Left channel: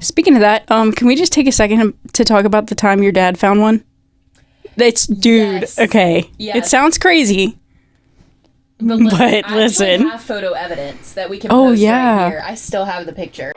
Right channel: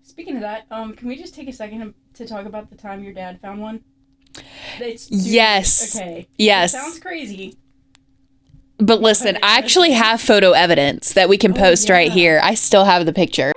Speaking of that, can we just take a second to talk about the time your dad found one? Dude, yes. Okay. Yes. It sounds crazy. But listen, I actually have photo evidence that we can post right here. I still have the picture.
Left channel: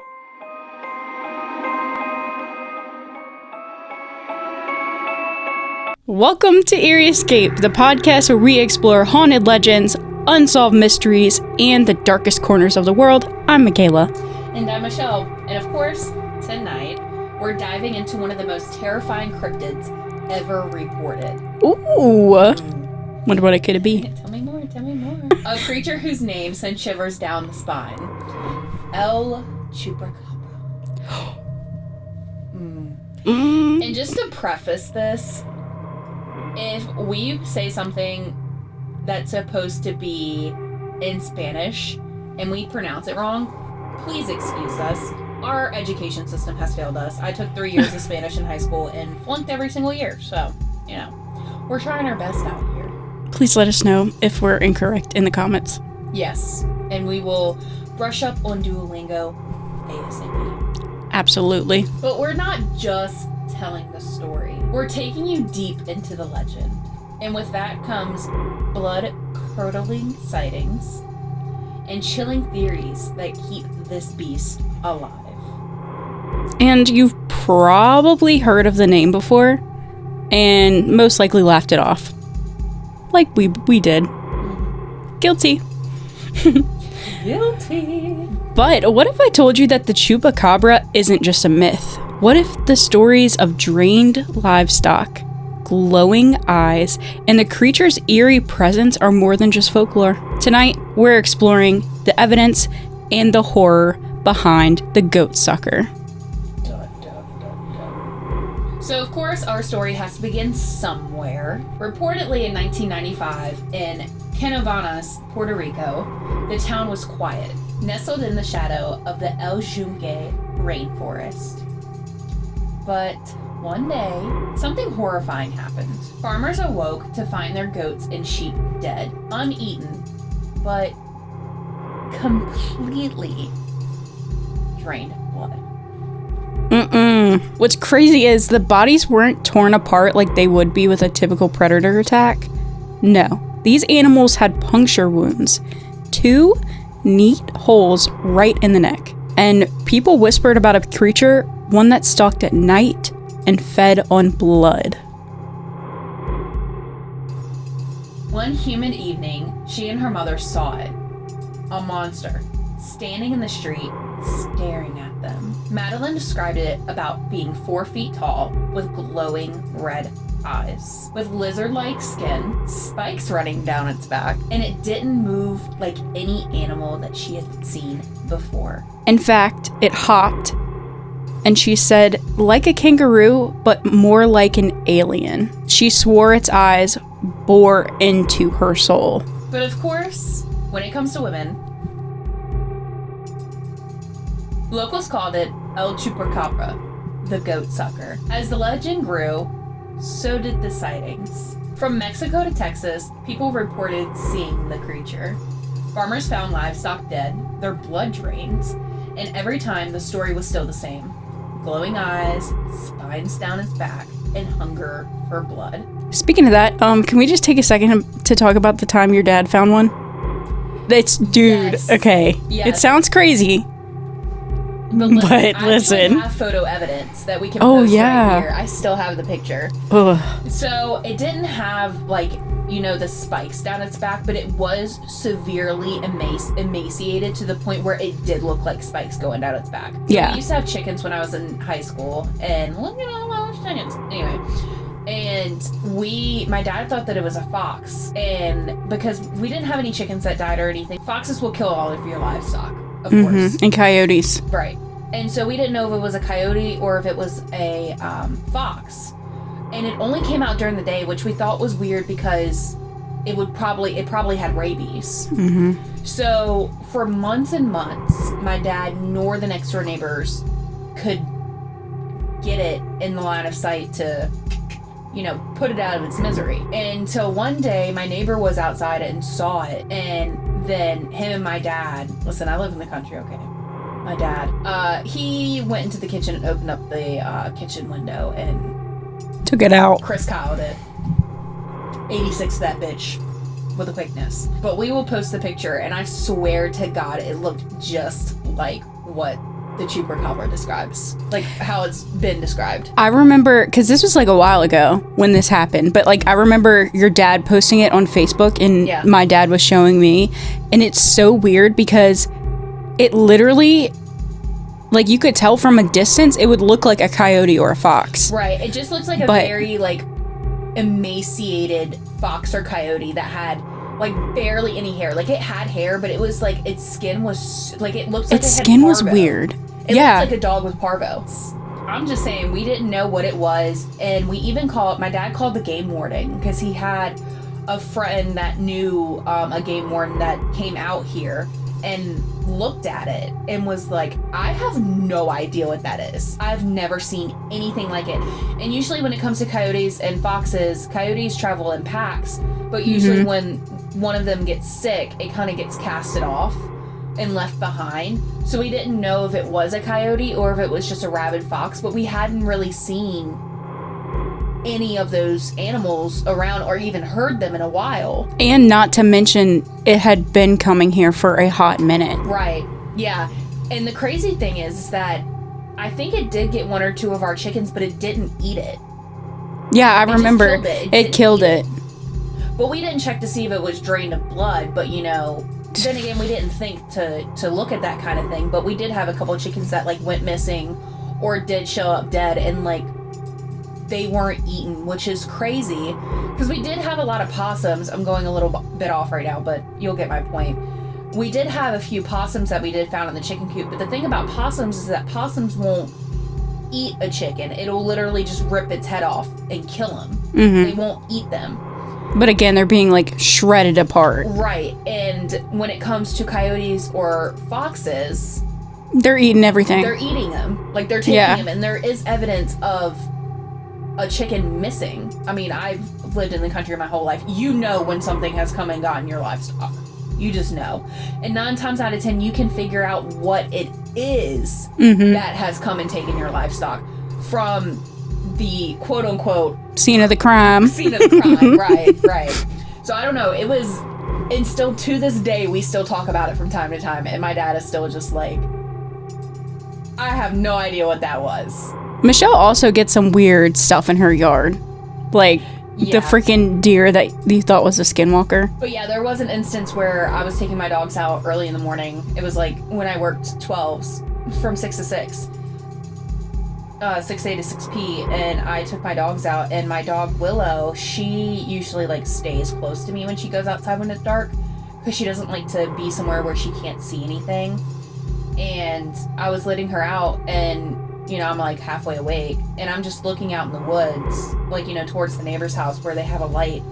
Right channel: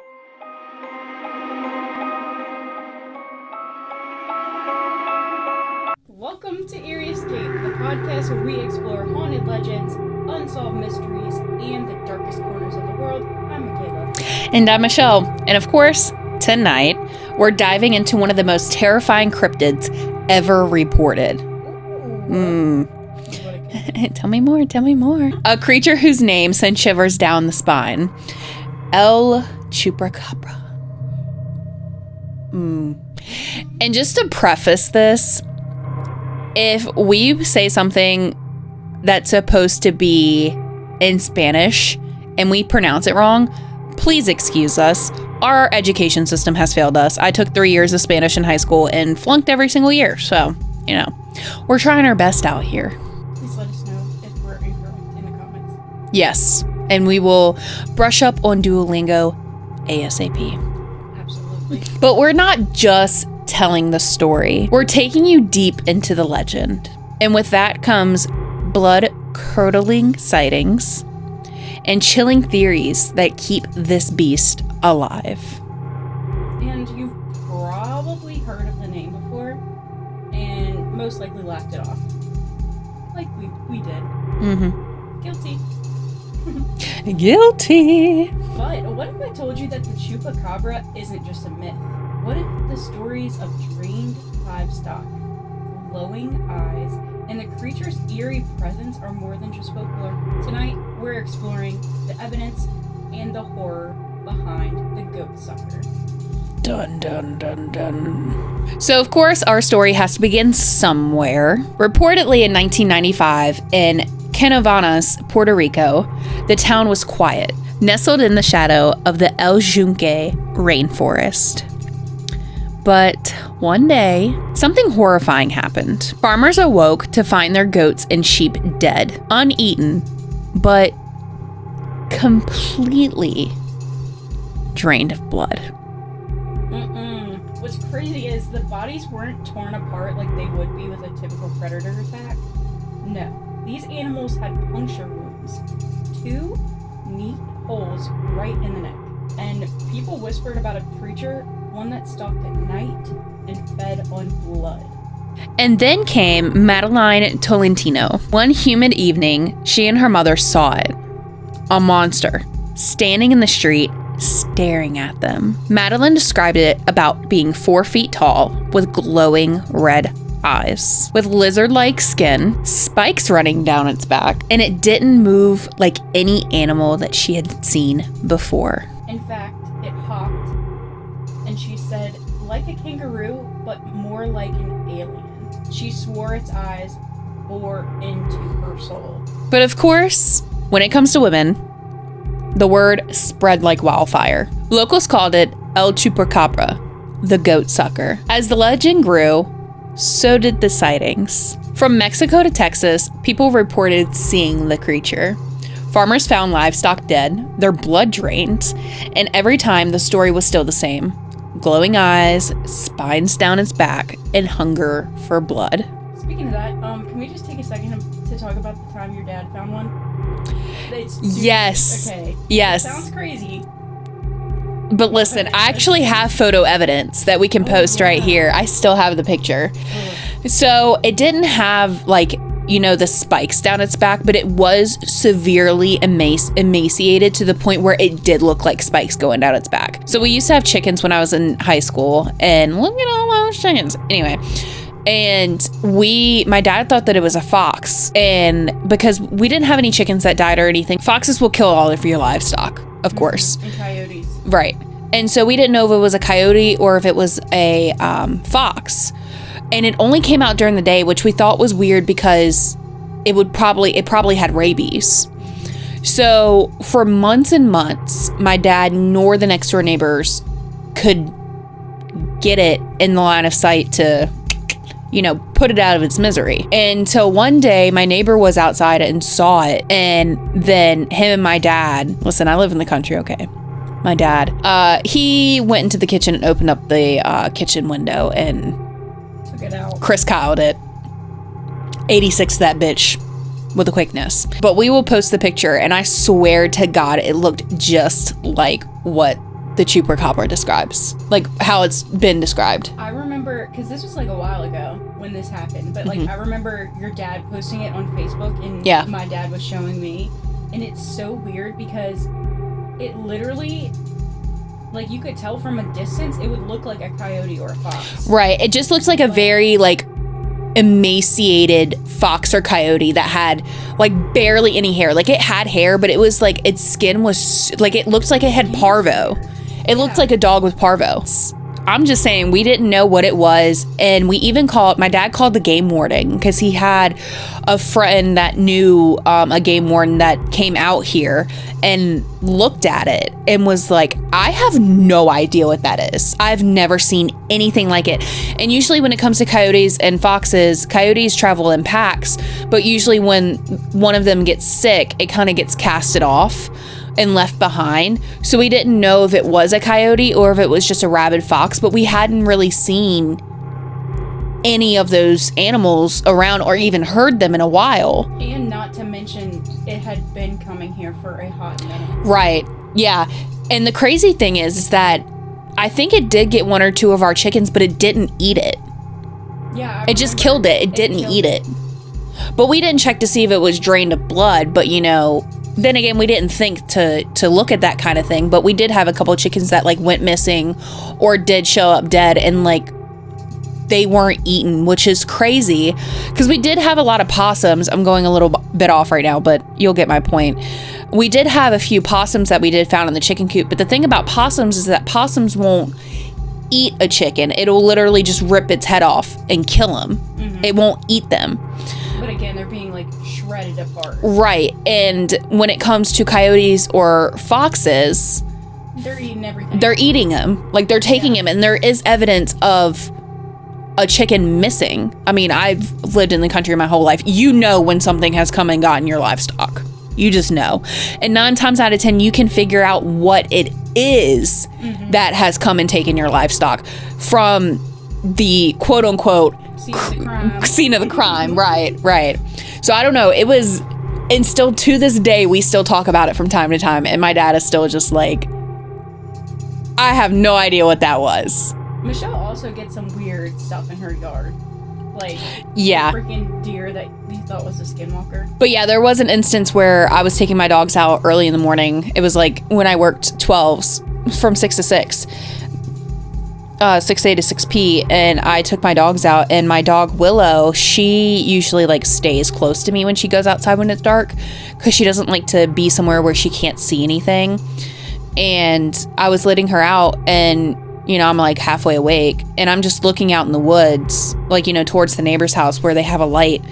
Welcome to Eerie Escape, the podcast where we explore haunted legends, unsolved mysteries, and the darkest corners of the world. I'm Makala. And I'm Michelle. And of course, tonight, we're diving into one of the most terrifying cryptids ever reported. Ooh. Wonder what it could be. Tell me more. A creature whose name sends shivers down the spine. El Chupacabra. And just to preface this, if we say something that's supposed to be in Spanish and we pronounce it wrong, please excuse us. Our education system has failed us. I took 3 years of Spanish in high school and flunked every single year. So, we're trying our best out here. Please let us know if we're incorrect in the comments. Yes, and we will brush up on Duolingo ASAP. Absolutely. But we're not just telling the story. We're taking you deep into the legend. And with that comes blood-curdling sightings and chilling theories that keep this beast alive. And you've probably heard of the name before and most likely laughed it off. Like we did. Mm-hmm. Guilty. Guilty. But what if I told you that the Chupacabra isn't just a myth? What if the stories of drained livestock, glowing eyes, and the creature's eerie presence are more than just folklore? Tonight, we're exploring the evidence and the horror behind the goat sucker. Dun, dun, dun, dun. So, of course, our story has to begin somewhere. Reportedly in 1995, in Canovanas, Puerto Rico, the town was quiet, nestled in the shadow of the El Yunque rainforest. But one day, something horrifying happened. Farmers awoke to find their goats and sheep dead, uneaten, but completely drained of blood. What's crazy is the bodies weren't torn apart like they would be with a typical predator attack. No, these animals had puncture wounds, 2 neat holes right in the neck. And people whispered about a creature, one that stalked at night and fed on blood. And then came Madeline Tolentino. One humid evening, she and her mother saw it. A monster, standing in the street, staring at them. Madeline described it about being 4 feet tall with glowing red eyes, with lizard-like skin, spikes running down its back, and it didn't move like any animal that she had seen before. In fact, it hopped, and she said, like a kangaroo, but more like an alien. She swore its eyes bore into her soul. But of course, when it comes to women, the word spread like wildfire. Locals called it El Chupacabra, the goat sucker. As the legend grew, so did the sightings. From Mexico to Texas, people reported seeing the creature. Farmers found livestock dead, their blood drained, and every time the story was still the same. Glowing eyes, spines down its back, and hunger for blood. Speaking of that, can we just take a second to talk about the time your dad found one? Yes. Okay. Yes. It sounds crazy. But listen, I actually have photo evidence that we can post right here. I still have the picture. Ugh. So it didn't have the spikes down its back, but it was severely emaciated to the point where it did look like spikes going down its back. So we used to have chickens when I was in high school, and look at all those chickens. Anyway. And my dad thought that it was a fox, and because we didn't have any chickens that died or anything, foxes will kill all of your livestock, of course. And coyotes. Right. And so we didn't know if it was a coyote or if it was a fox. And it only came out during the day, which we thought was weird because it probably had rabies. Mm-hmm. So for months and months, my dad nor the next door neighbors could get it in the line of sight to put it out of its misery. Until one day, my neighbor was outside and saw it. And then him and my dad, listen, I live in the country, okay? my dad, he went into the kitchen and opened up the kitchen window and took it out. Chris Kyled it. 86 that bitch with a quickness. But we will post the picture, and I swear to God, it looked just like what the Chupacabra describes, like how it's been described. I remember, because this was like a while ago when this happened, but like I remember your dad posting it on Facebook, and my dad was showing me, and it's so weird because it literally, like, you could tell from a distance it would look like a coyote or a fox. Right. It just looks like a very like emaciated fox or coyote that had like barely any hair. Like, it had hair, but it was like its skin was like, it looked like it had parvo. Weird. It looked like a dog with parvo. I'm just saying, we didn't know what it was, and we even my dad called the game warden because he had a friend that knew a game warden that came out here and looked at it and was like, I have no idea what that is. I've never seen anything like it. And usually when it comes to coyotes and foxes, coyotes travel in packs, but usually when one of them gets sick, it kind of gets casted off and left behind. So we didn't know if it was a coyote or if it was just a rabid fox, but we hadn't really seen any of those animals around or even heard them in a while. And not to mention, it had been coming here for a hot minute. Right. Yeah. And the crazy thing is that I think it did get one or two of our chickens, but it didn't eat it. Yeah, I remember. It just killed it. It didn't killed eat it. But we didn't check to see if it was drained of blood, but you know, then again, we didn't think to look at that kind of thing, but we did have a couple of chickens that like went missing or did show up dead, and like they weren't eaten, which is crazy because we did have a lot of possums. I'm going a little bit off right now, but you'll get my point. We did have a few possums that we did found in the chicken coop, but the thing about possums is that possums won't eat a chicken. It'll literally just rip its head off and kill them. It won't eat them. But again, they're being like shredded apart. Right. And when it comes to coyotes or foxes, they're eating everything. They're eating them. Like, they're taking them, and there is evidence of a chicken missing. I mean, I've lived in the country my whole life. You know when something has come and gotten your livestock. You just know. And 9 times out of 10, you can figure out what it is that has come and taken your livestock from the quote unquote scene of the crime. Right. So I don't know. It was, and still to this day, we still talk about it from time to time. And my dad is still just like, I have no idea what that was. Michelle also gets some weird stuff in her yard. Like the freaking deer that you thought was a skinwalker. But yeah, there was an instance where I was taking my dogs out early in the morning. It was like when I worked 12s from 6 to 6. 6A to 6P, and I took my dogs out, and my dog Willow, she usually like stays close to me when she goes outside when it's dark because she doesn't like to be somewhere where she can't see anything. And I was letting her out, and you know, I'm like halfway awake, and I'm just looking out in the woods, like, you know, towards the neighbor's house where they have a light,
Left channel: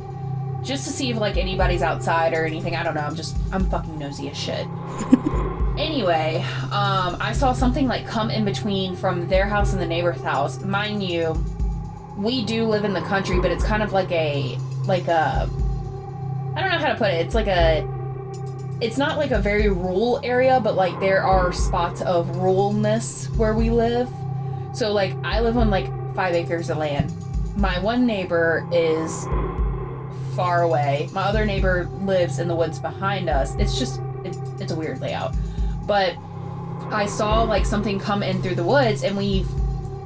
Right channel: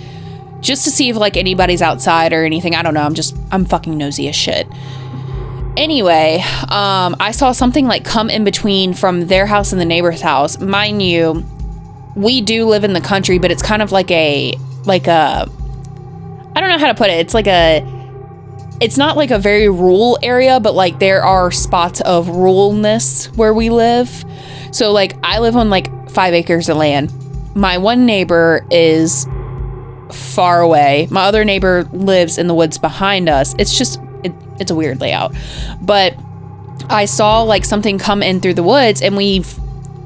just to see if like anybody's outside or anything. I don't know. I'm fucking nosy as shit. Anyway, I saw something like come in between from their house and the neighbor's house. Mind you, we do live in the country, but it's kind of like a, I don't know how to put it. It's not like a very rural area, but like there are spots of ruralness where we live. So like I live on like 5 acres of land. My one neighbor is far away. My other neighbor lives in the woods behind us. It's a weird layout. But I saw like something come in through the woods, and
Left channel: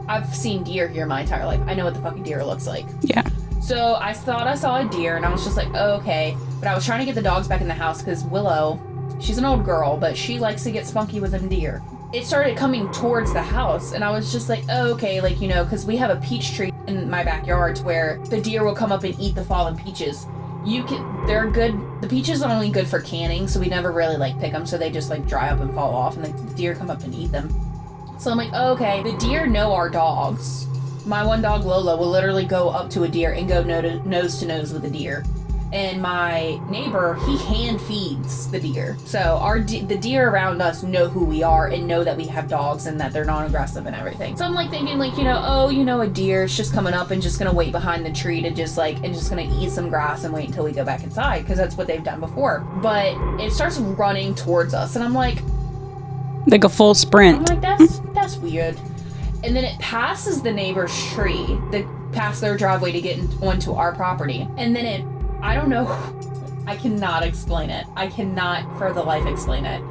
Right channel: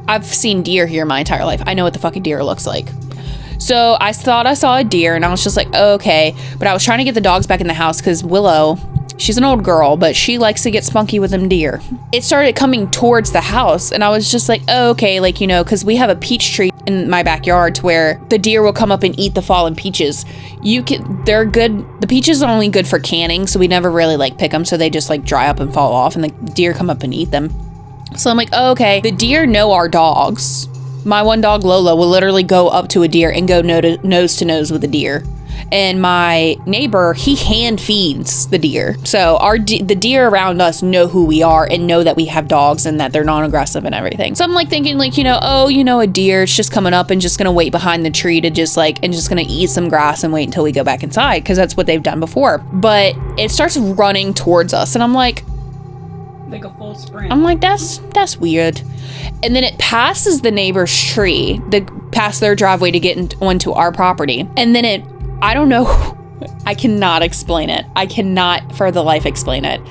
I've seen deer here my entire life. I know what the fucking deer looks like. Yeah. So I thought I saw a deer, and I was just like, oh, okay. But I was trying to get the dogs back in the house because Willow, she's an old girl, but she likes to get spunky with them deer. It started coming towards the house, and I was just like, oh, okay. Like, you know, because we have a peach tree in my backyard to where the deer will come up and eat the fallen peaches. They're good. The peaches are only good for canning, so we never really like pick them, so they just like dry up and fall off, and the deer come up and eat them. So I'm like, oh, okay. The deer know our dogs. My one dog, Lola, will literally go up to a deer and go nose to nose with a deer. And my neighbor, he hand feeds the deer. So the deer around us know who we are and know that we have dogs and that they're non-aggressive and everything. So I'm like thinking like, you know, oh, you know, a deer, it's just coming up and just going to wait behind the tree to just like, and just going to eat some grass and wait until we go back inside, because that's what they've done before. But it starts running towards us, and I'm like, Like a full sprint. I'm like, that's weird. And then it passes the neighbor's tree, past their driveway to get onto our property. And then I don't know, I cannot explain it. I cannot for the life explain it.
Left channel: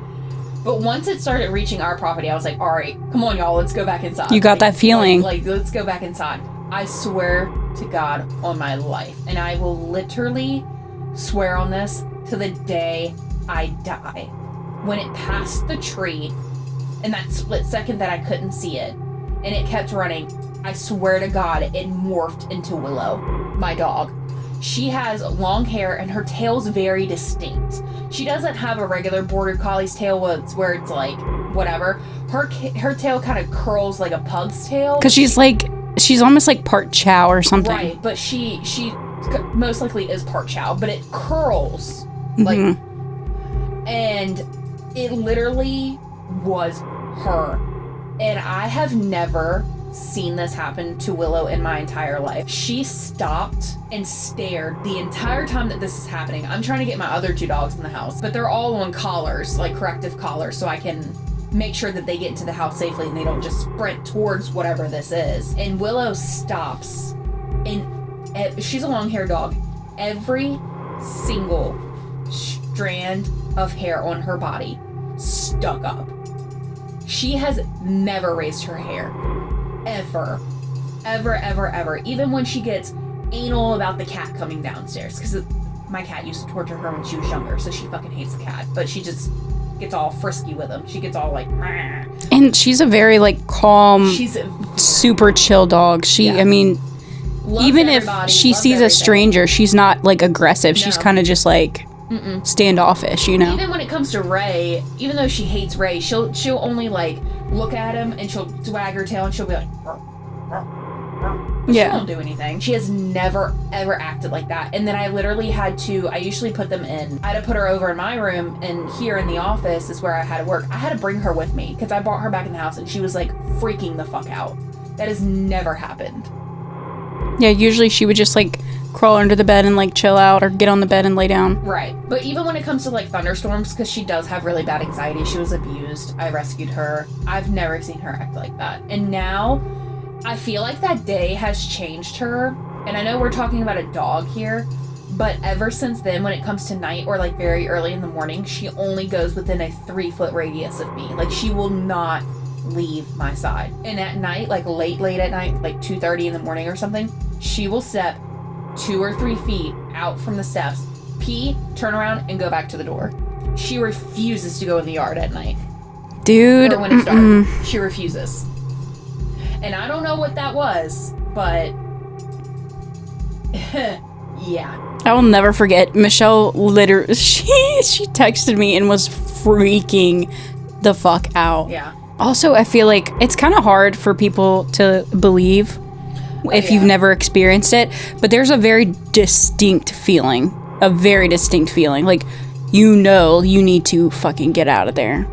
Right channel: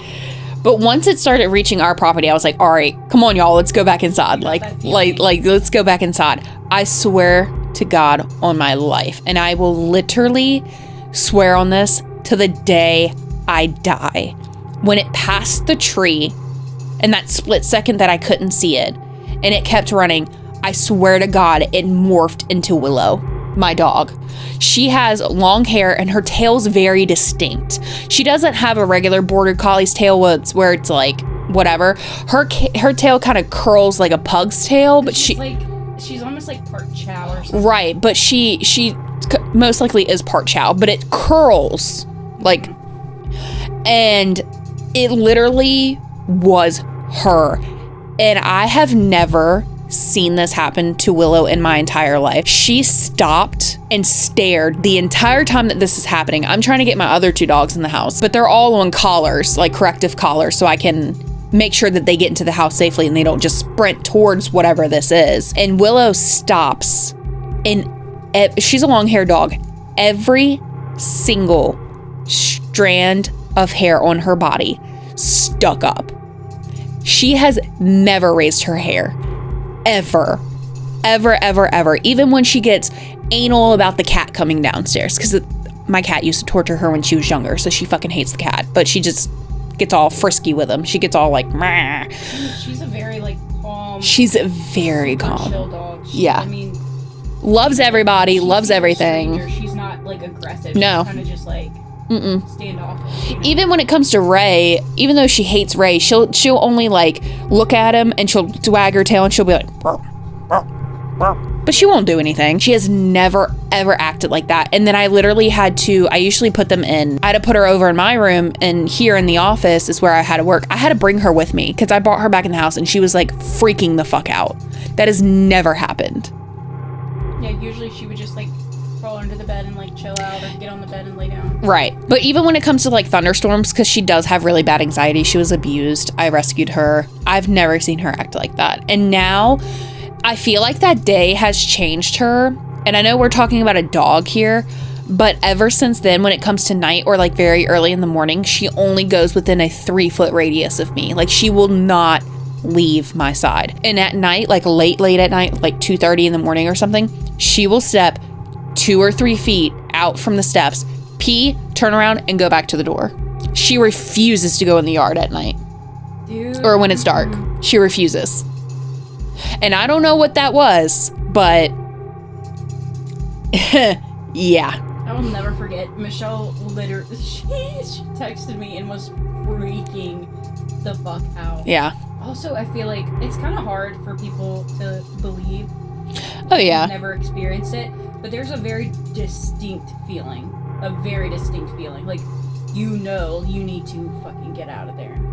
But once it started reaching our property, I was like, all right, come on, y'all, let's go back inside. You got that feeling. Like, let's go back inside. I swear to God on my life, and I will literally swear on this to the day I die. When it passed the tree, and that split second that I couldn't see it, and it kept running, I swear to God, it morphed into Willow, my dog. She has long hair and her tail's very distinct. She doesn't have a regular border collie's tail where it's like whatever. Her tail kind of curls like a pug's tail. Because she's almost like part chow or something. Right, but she most likely is part chow, but it curls like, and it literally was her. And I have never seen this happen to Willow in my entire life. She stopped and stared the entire time that this is happening. I'm trying to get my other 2 dogs in the house, but they're all on collars, like corrective collars, so I can make sure that they get into the house safely and they don't just sprint towards whatever this is. And Willow stops, and she's a long-haired dog. Every single strand of hair on her body stuck up. She has never raised her hair. Ever. Even when she gets anal about the cat coming downstairs, because my cat used to torture her when she was younger, so she fucking hates the cat, but she just gets all frisky with him. She gets all like, meh. And she's a very like calm, she's a very super calm. chill dog. I mean, loves everybody, she loves sees everything. A stranger, she's not like aggressive. No. She's kind of just like standoffish, you know. Even when it comes to Ray, even though she hates Ray, she'll only like look at him and she'll wag her tail and she'll be like, but she won't do anything. She has never ever acted like that. And then I usually put them in. I had to put her over in my room, and here in the office is where I had to work. I had to bring her with me because I brought her back in the house and she was like freaking the fuck out. That has never happened. Yeah, usually she would just like crawl under the bed and like chill out, or get on the bed and lay down. Right. But even when it comes to like thunderstorms, because she does have really bad anxiety, she was abused. I rescued her. I've never seen her act like that. And now I feel like that day has changed her. And I know we're talking about a dog here, but ever since then, when it comes to night or like very early in the morning, she only goes within a 3-foot radius of me. Like, she will not leave my side. And at night, like late at night, like 2:30 in the morning or something, she will step 2 or 3 feet out from the steps, pee, turn around, and go back to the door. She refuses to go in the yard at night. Dude. Or when it's dark. She refuses. And I don't know what that was, but yeah. I will never forget. Michelle literally, she texted me and was freaking the fuck out. Yeah. Also, I feel like it's kind of hard for people to believe if you've never experienced it, but there's a very distinct feeling. Like, you know, you need to fucking get out of there.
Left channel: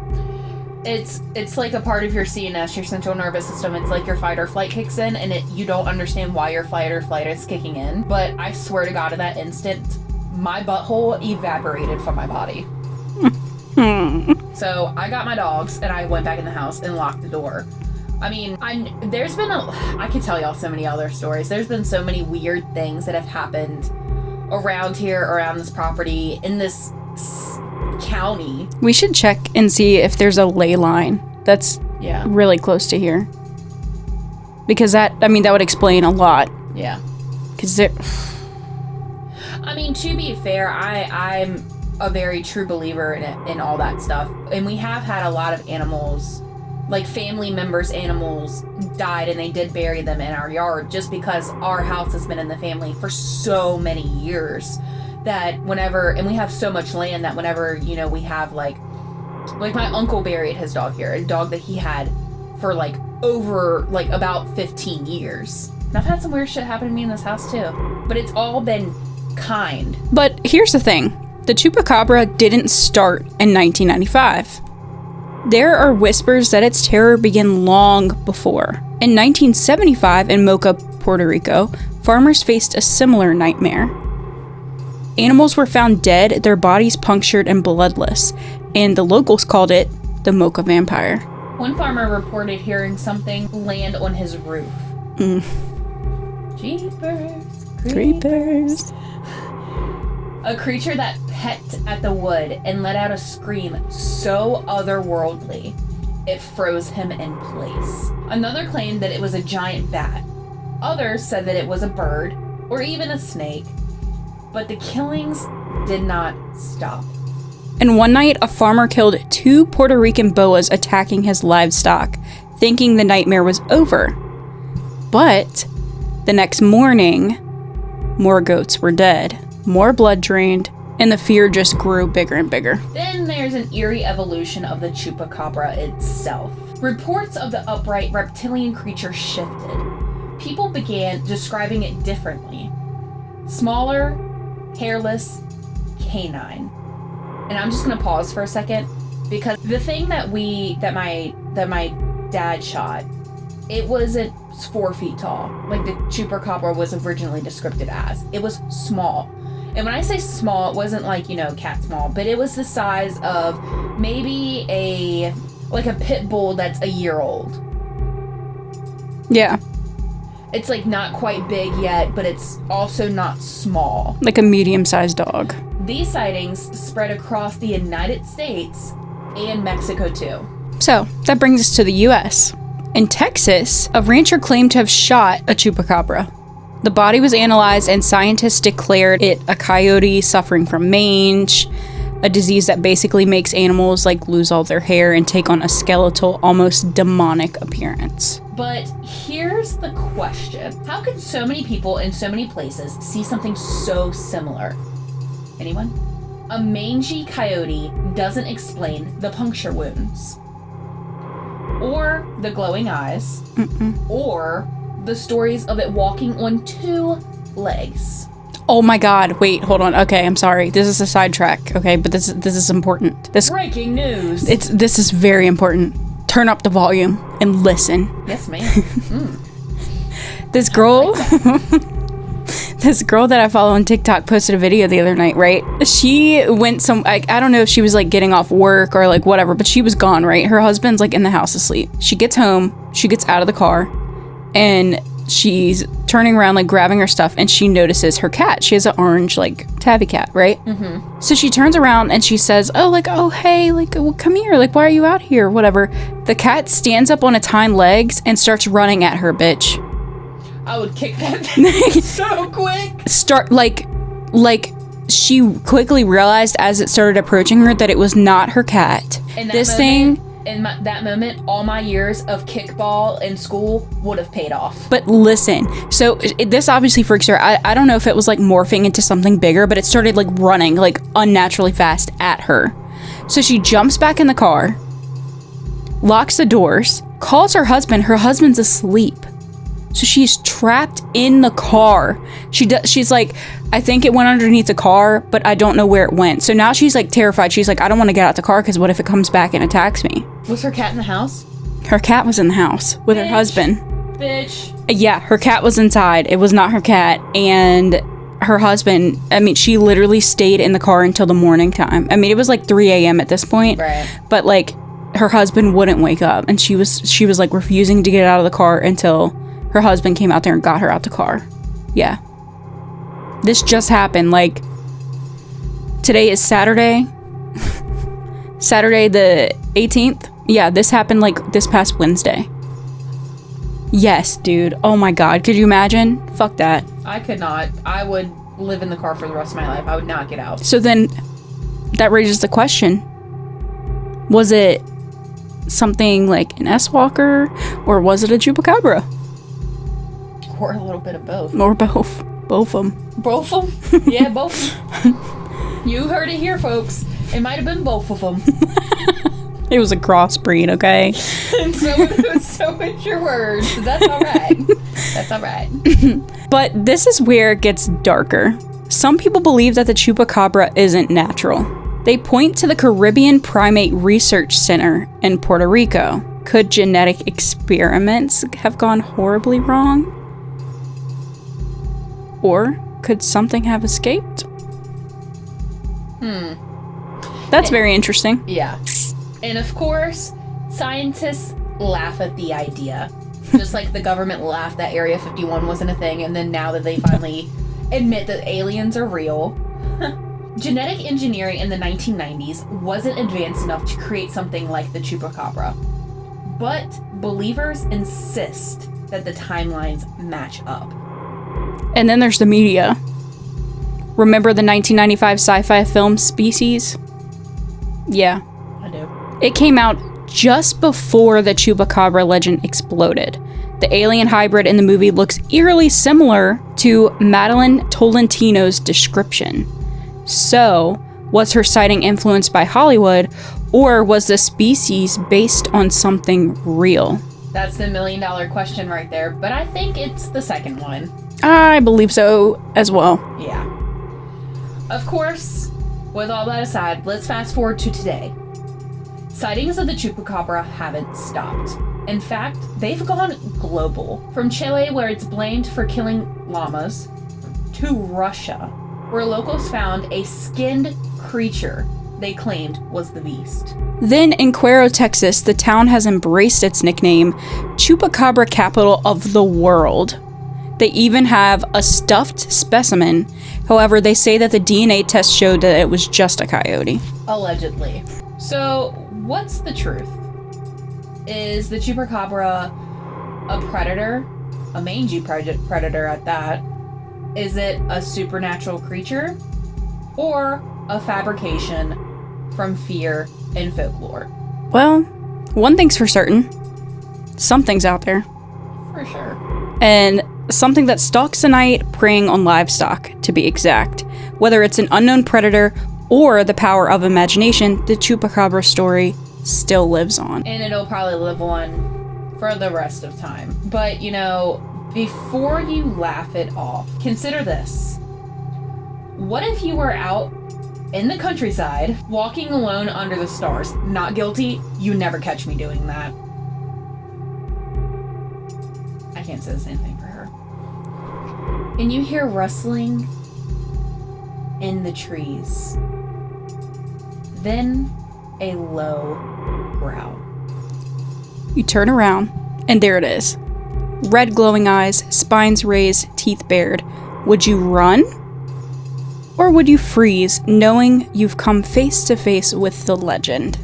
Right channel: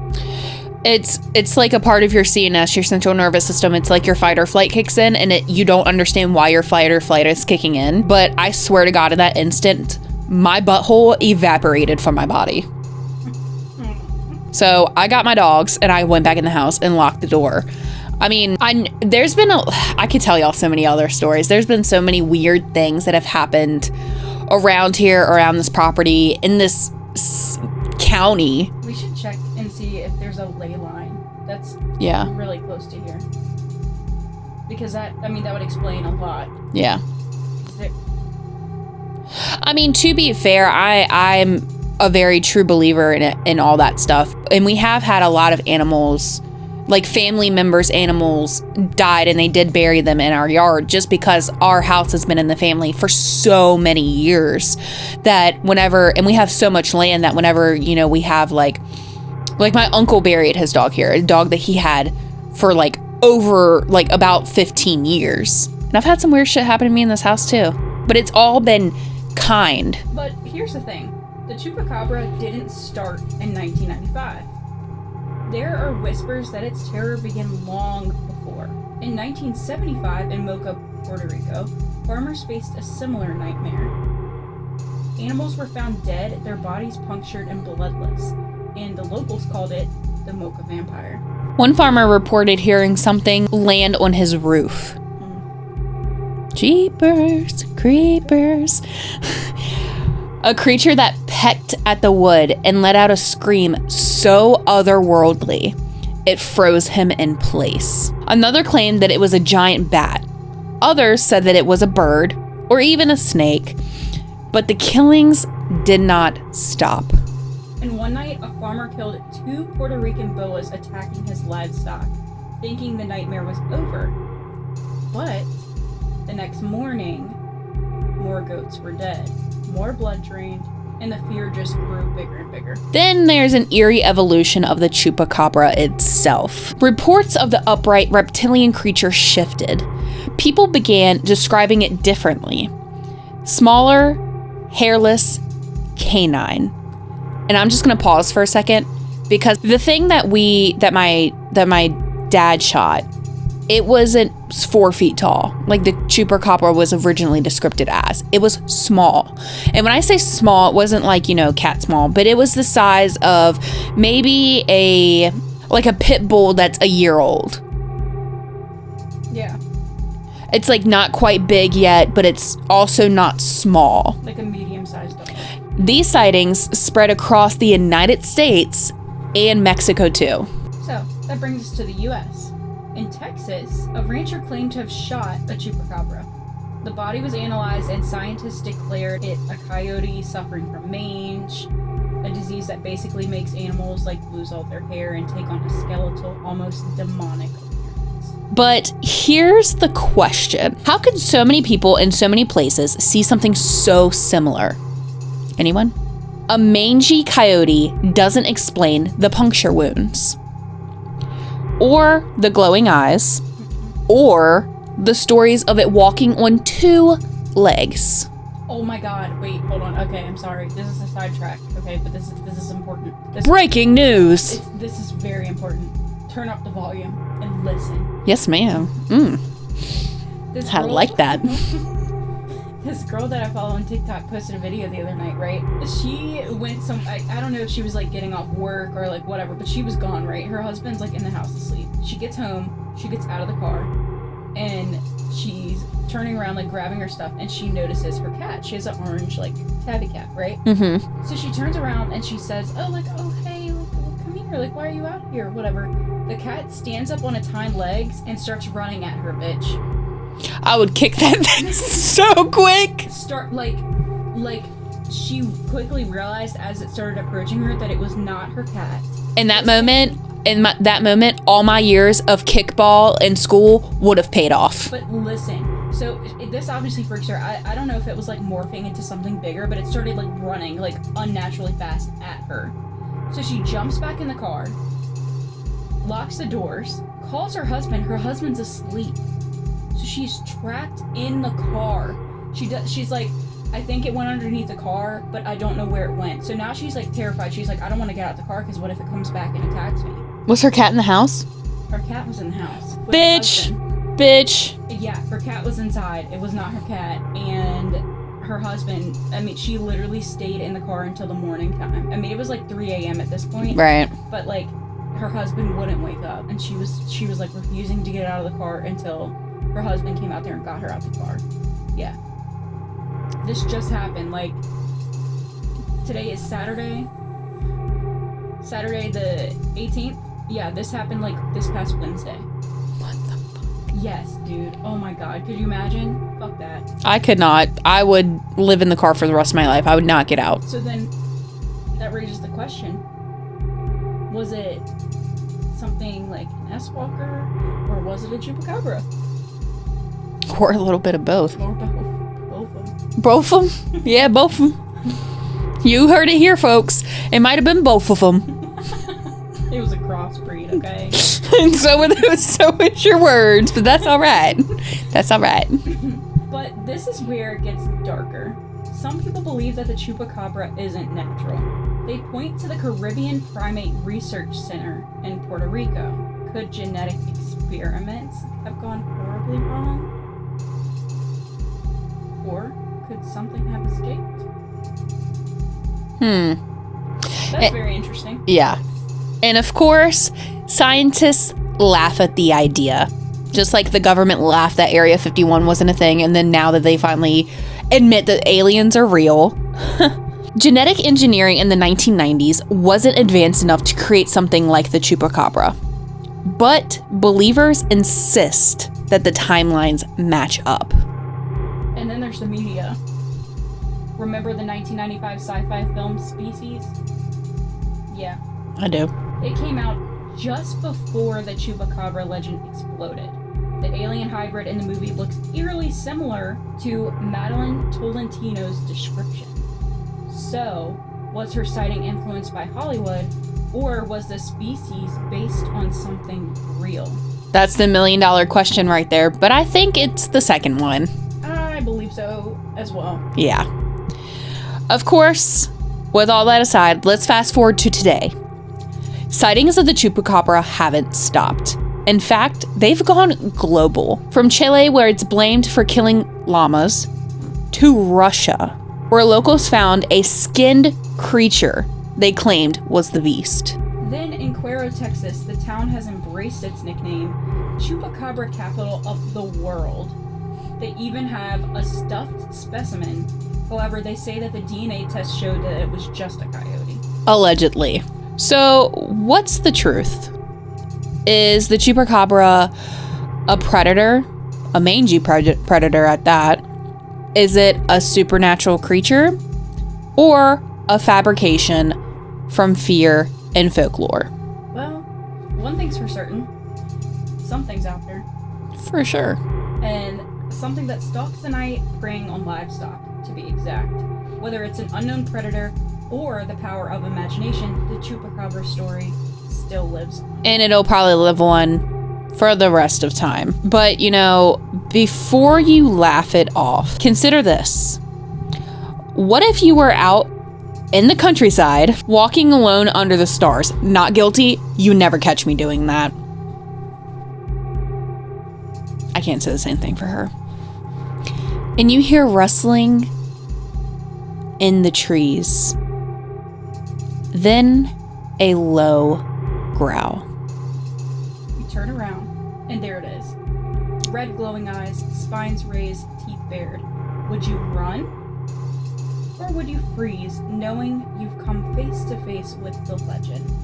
It's like a part of your CNS, your central nervous system. It's like your fight or flight kicks in, and you don't understand why your fight or flight is kicking in. But I swear to God, in that instant, my butthole evaporated from my body. So I got my dogs and I went back in the house and locked the door. I mean, I could tell y'all so many other stories. There's been so many weird things that have happened around here, around this property, in this county. We should check and see if there's a ley line that's really close to here. Because that would explain a lot. Yeah. Because I mean, to be fair, I'm a very true believer in all that stuff. And we have had a lot of animals, like family members' animals, died, and they did bury them in our yard just because our house has been in the family for so many years that whenever, and we have so much land that whenever, you know, we have like my uncle buried his dog here, a dog that he had for like over like about 15 years. And I've had some weird shit happen to me in this house too, but it's all been kind. But here's the thing. The Chupacabra didn't start in 1995. There are whispers that its terror began long before. In 1975 in Mocha, Puerto Rico, farmers faced a similar nightmare. Animals were found dead, their bodies punctured and bloodless, and the locals called it the Mocha vampire. One farmer reported hearing something land on his roof. Jeepers, creepers. A creature that pecked at the wood and let out a scream so otherworldly, it froze him in place. Another claimed that it was a giant bat. Others said that it was a bird or even a snake. But the killings did not stop. And one night, a farmer killed 2 Puerto Rican boas attacking his livestock, thinking the nightmare was over. But the next morning, more goats were dead, more blood drained, and the fear just grew bigger and bigger. Then there's an eerie evolution of the Chupacabra itself. Reports of the upright reptilian creature shifted. People began describing it differently. Smaller, hairless, canine. And I'm just gonna pause for a second because the thing that my dad shot, it wasn't 4 feet tall like the Chupacabra was originally described as. It was small. And when I say small, it wasn't like, cat small, but it was the size of maybe a pit bull that's a year old. Yeah. It's like not quite big yet, but it's also not small. Like a medium-sized dog. These sightings spread across the United States and Mexico too. So that brings us to the US. In Texas, a rancher claimed to have shot a chupacabra. The body was analyzed and scientists declared it a coyote suffering from mange, a disease that basically makes animals lose all their hair and take on a skeletal, almost demonic appearance. But here's the question. How could so many people in so many places see something so similar? Anyone? A mangy coyote doesn't explain the puncture wounds, or the glowing eyes, or the stories of it walking on 2 legs. Oh my God, wait, hold on. Okay, I'm sorry. This is a sidetrack, okay? But this is important. Breaking news. This is very important. Turn up the volume and listen. Yes, ma'am. This girl, I like that. This girl that I follow on TikTok posted a video the other night, right? She went I don't know if she was getting off work or whatever, but she was gone, right? Her husband's in the house asleep. She gets home, she gets out of the car, and she's turning around, grabbing her stuff, and she notices her cat. She has an orange, tabby cat, right? Mm-hmm. So she turns around and she says, oh, hey, well, come here. Why are you out here? Whatever. The cat stands up on its hind legs and starts running at her, bitch. I would kick that thing so quick. She quickly realized as it started approaching her that it was not her cat. In that moment, all my years of kickball in school would have paid off. But listen, so this obviously freaks her. I don't know if it was morphing into something bigger, but it started running unnaturally fast at her. So she jumps back in the car, locks the doors, calls her husband. Her husband's asleep. So she's trapped in the car. She's I think it went underneath the car, but I don't know where it went. So now she's terrified. She's I don't want to get out the car because what if it comes back and attacks me? Was her cat in the house? Her cat was in the house with her husband. Bitch. Yeah, her cat was inside. It was not her cat. And her husband, she literally stayed in the car until the morning time. It was 3 a.m. at this point. Right. But her husband wouldn't wake up. And she was refusing to get out of the car until her husband came out there and got her out the car. Yeah. This just happened. Today is Saturday. Saturday the 18th. Yeah, this happened this past Wednesday. What the Yes, dude. Oh my God. Could you imagine? Fuck that. I could not. I would live in the car for the rest of my life. I would not get out. So then that raises the question. Was it something an S-Walker or was it a Chupacabra? Or a little bit of both. Or both. Both of them. Both of them? Yeah, both of them. You heard it here, folks. It might have been both of them. It was a crossbreed, okay? And so is your words, but that's all right. That's all right. But this is where it gets darker. Some people believe that the Chupacabra isn't natural. They point to the Caribbean Primate Research Center in Puerto Rico. Could genetic experiments have gone horribly wrong? Or could something have escaped? That's very interesting. Yeah. And of course, scientists laugh at the idea. Just like the government laughed that Area 51 wasn't a thing, and then now that they finally admit that aliens are real. Genetic engineering in the 1990s wasn't advanced enough to create something like the Chupacabra. But believers insist that the timelines match up. And then there's the media. Remember the 1995 sci-fi film Species? Yeah. I do. It came out just before the Chupacabra legend exploded. The alien hybrid in the movie looks eerily similar to Madeline Tolentino's description. So, was her sighting influenced by Hollywood, or was the species based on something real? That's the $1 million question right there, but I think it's the second one. I believe so as well. Yeah. Of course, with all that aside, let's fast forward to today. Sightings of the Chupacabra haven't stopped. In fact, they've gone global. From Chile, where it's blamed for killing llamas, to Russia, where locals found a skinned creature they claimed was the beast. Then in Cuero, Texas, the town has embraced its nickname, Chupacabra capital of the world. They even have a stuffed specimen. However, they say that the DNA test showed that it was just a coyote. Allegedly. So, what's the truth? Is the Chupacabra a predator? A mangy predator at that? Is it a supernatural creature? Or a fabrication from fear and folklore? Well, one thing's for certain. Something's out there. For sure. And something that stalks the night, preying on livestock, to be exact. Whether it's an unknown predator or the power of imagination, the Chupacabra story still lives on. And it'll probably live on for the rest of time. But, you know, before you laugh it off, consider this. What if you were out in the countryside, walking alone under the stars? Not guilty. You never catch me doing that. I can't say the same thing for her. And you hear rustling in the trees. Then a low growl. You turn around, and there it is. Red glowing eyes, spines raised, teeth bared. Would you run? Or would you freeze, knowing you've come face to face with the legend?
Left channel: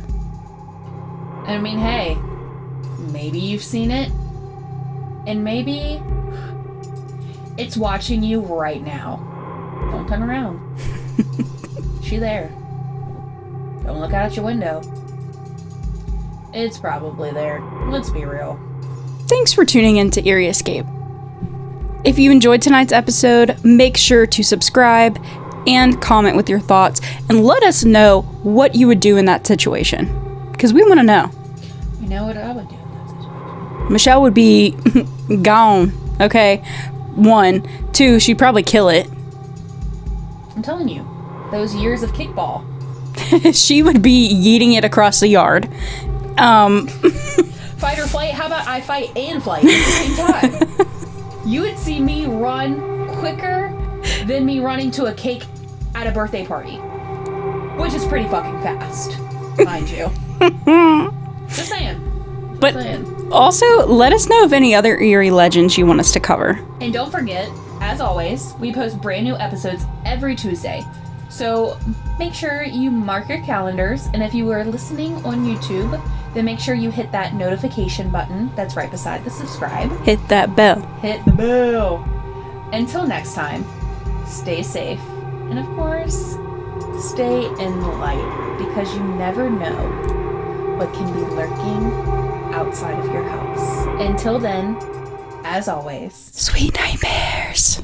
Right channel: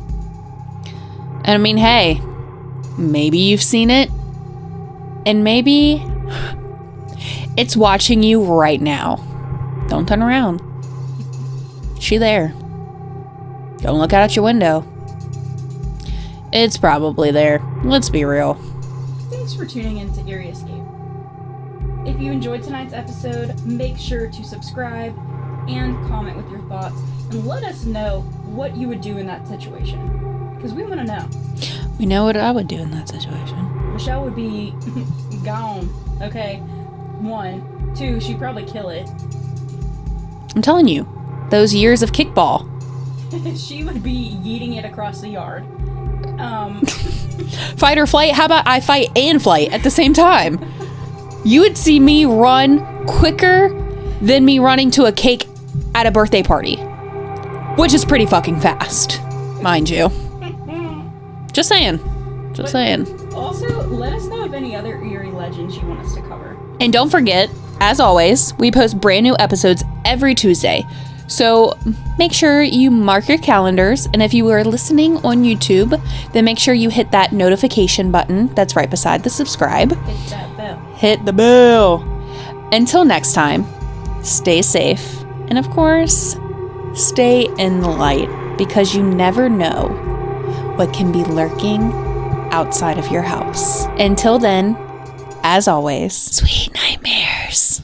And I mean, hey, maybe you've seen it, and maybe it's watching you right now. Don't turn around. She there. Don't look out your window. It's probably there. Let's be real. Thanks for tuning in to Eerie Escape. If you enjoyed tonight's episode, make sure to subscribe and comment with your thoughts, and let us know what you would do in that situation, because we want to know. We know what I would do in that situation. Michelle would be gone, okay? 1. 2, she'd probably kill it. I'm telling you, those years of kickball. She would be yeeting it across the yard. Fight or flight? How about I fight and flight at the same time? You would see me run quicker than me running to a cake at a birthday party, which is pretty fucking fast, mind you. Just saying. Just saying. Also, let us know of any other eerie legends you want us to cover. And don't forget, as always, we post brand new episodes every Tuesday. So make sure you mark your calendars, and if you are listening on YouTube, then make sure you hit that notification button that's right beside the subscribe. Hit that bell. Hit the bell. Until next time, stay safe, and of course, stay in the light, because you never know what can be lurking outside of your house. Until then, as always, sweet nightmares.